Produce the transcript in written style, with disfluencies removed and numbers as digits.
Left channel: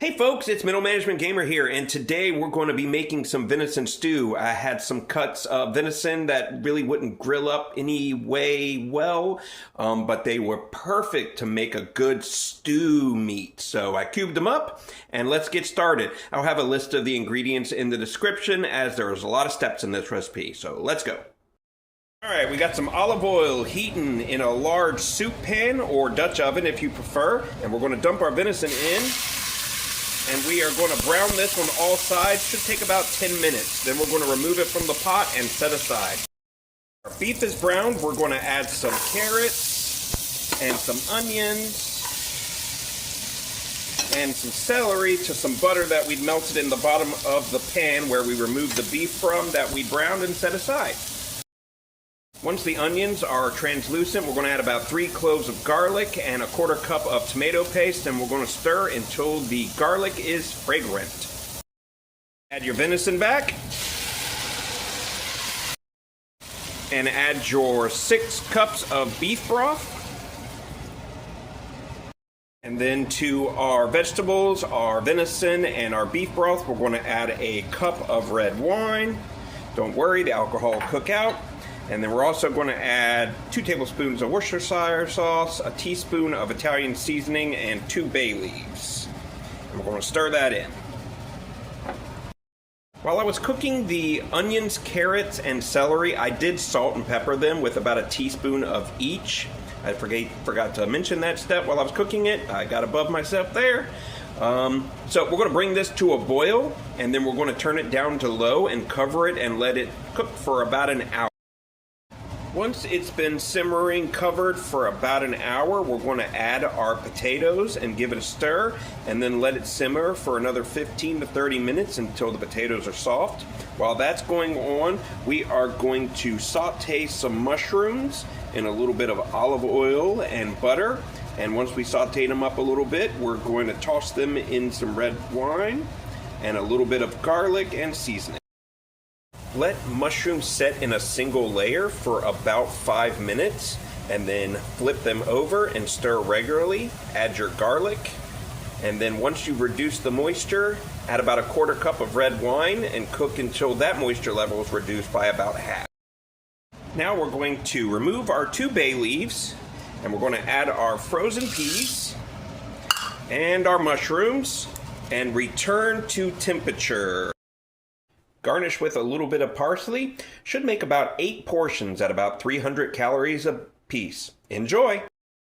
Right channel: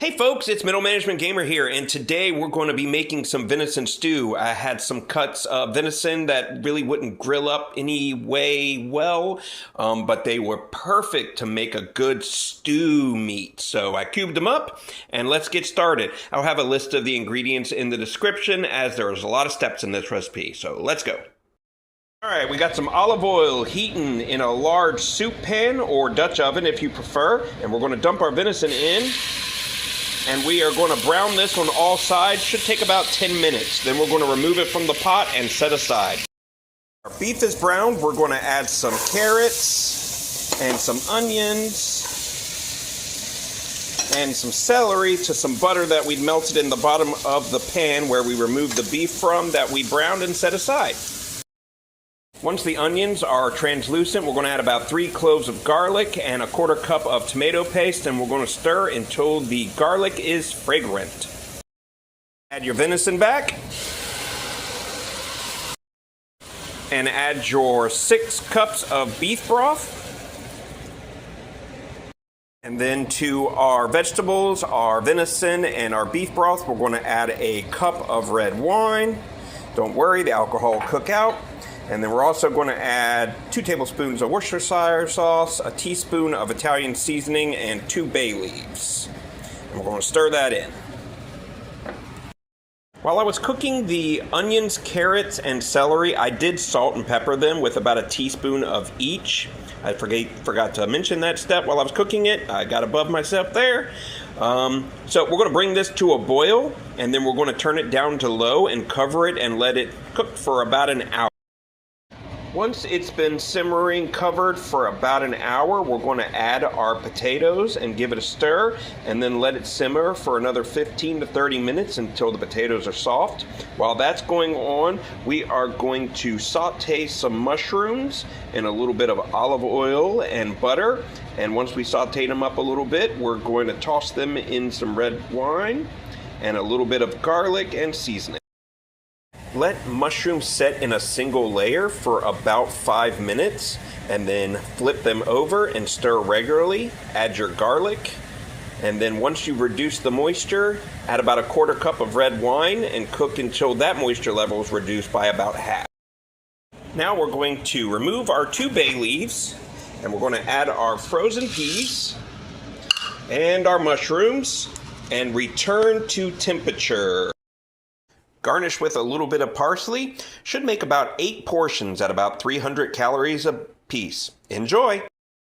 Hey folks, it's Middle Management Gamer here, and today we're going to be making some venison stew. I had some cuts of venison that really wouldn't grill up any way well, but they were perfect to make a good stew meat. So I cubed them up, and let's get started. I'll have a list of the ingredients in the description, as there's a lot of steps in this recipe, so let's go. All right, we got some olive oil heating in a large soup pan or Dutch oven if you prefer, and we're going to dump our venison in. And we are going to brown this on all sides. Should take about 10 minutes. Then we're going to remove it from the pot and set aside. Our beef is browned. We're going to add some carrots and some onions and some celery to some butter that we melted in the bottom of the pan where we removed the beef from that we browned and set aside. Once the onions are translucent, we're going to add about 3 cloves of garlic and a 1/4 cup of tomato paste, and we're going to stir until the garlic is fragrant. Add your venison back. And add your 6 cups of beef broth. And then to our vegetables, our venison, and our beef broth, we're going to add a cup of red wine. Don't worry, the alcohol will cook out. And then we're also going to add 2 tablespoons of Worcestershire sauce, a teaspoon of Italian seasoning, and 2 bay leaves. And we're going to stir that in. While I was cooking the onions, carrots, and celery, I did salt and pepper them with about a teaspoon of each. I forgot to mention that step while I was cooking it. I got above myself there. So we're going to bring this to a boil, and then we're going to turn it down to low and cover it and let it cook for about an hour. Once it's been simmering covered for about an hour, we're going to add our potatoes and give it a stir, and then let it simmer for another 15 to 30 minutes until the potatoes are soft. While that's going on, we are going to saute some mushrooms in a little bit of olive oil and butter. And once we saute them up a little bit, we're going to toss them in some red wine and a little bit of garlic and seasoning. Let mushrooms set in a single layer for about 5 minutes, and then flip them over and stir regularly. Add your garlic, and then once you reduce the moisture, add about a 1/4 cup of red wine and cook until that moisture level is reduced by about half. Now we're going to remove our 2 bay leaves, and we're going to add our frozen peas and our mushrooms and return to temperature. Garnish with a little bit of parsley. Should make about 8 portions at about 300 calories a piece. Enjoy!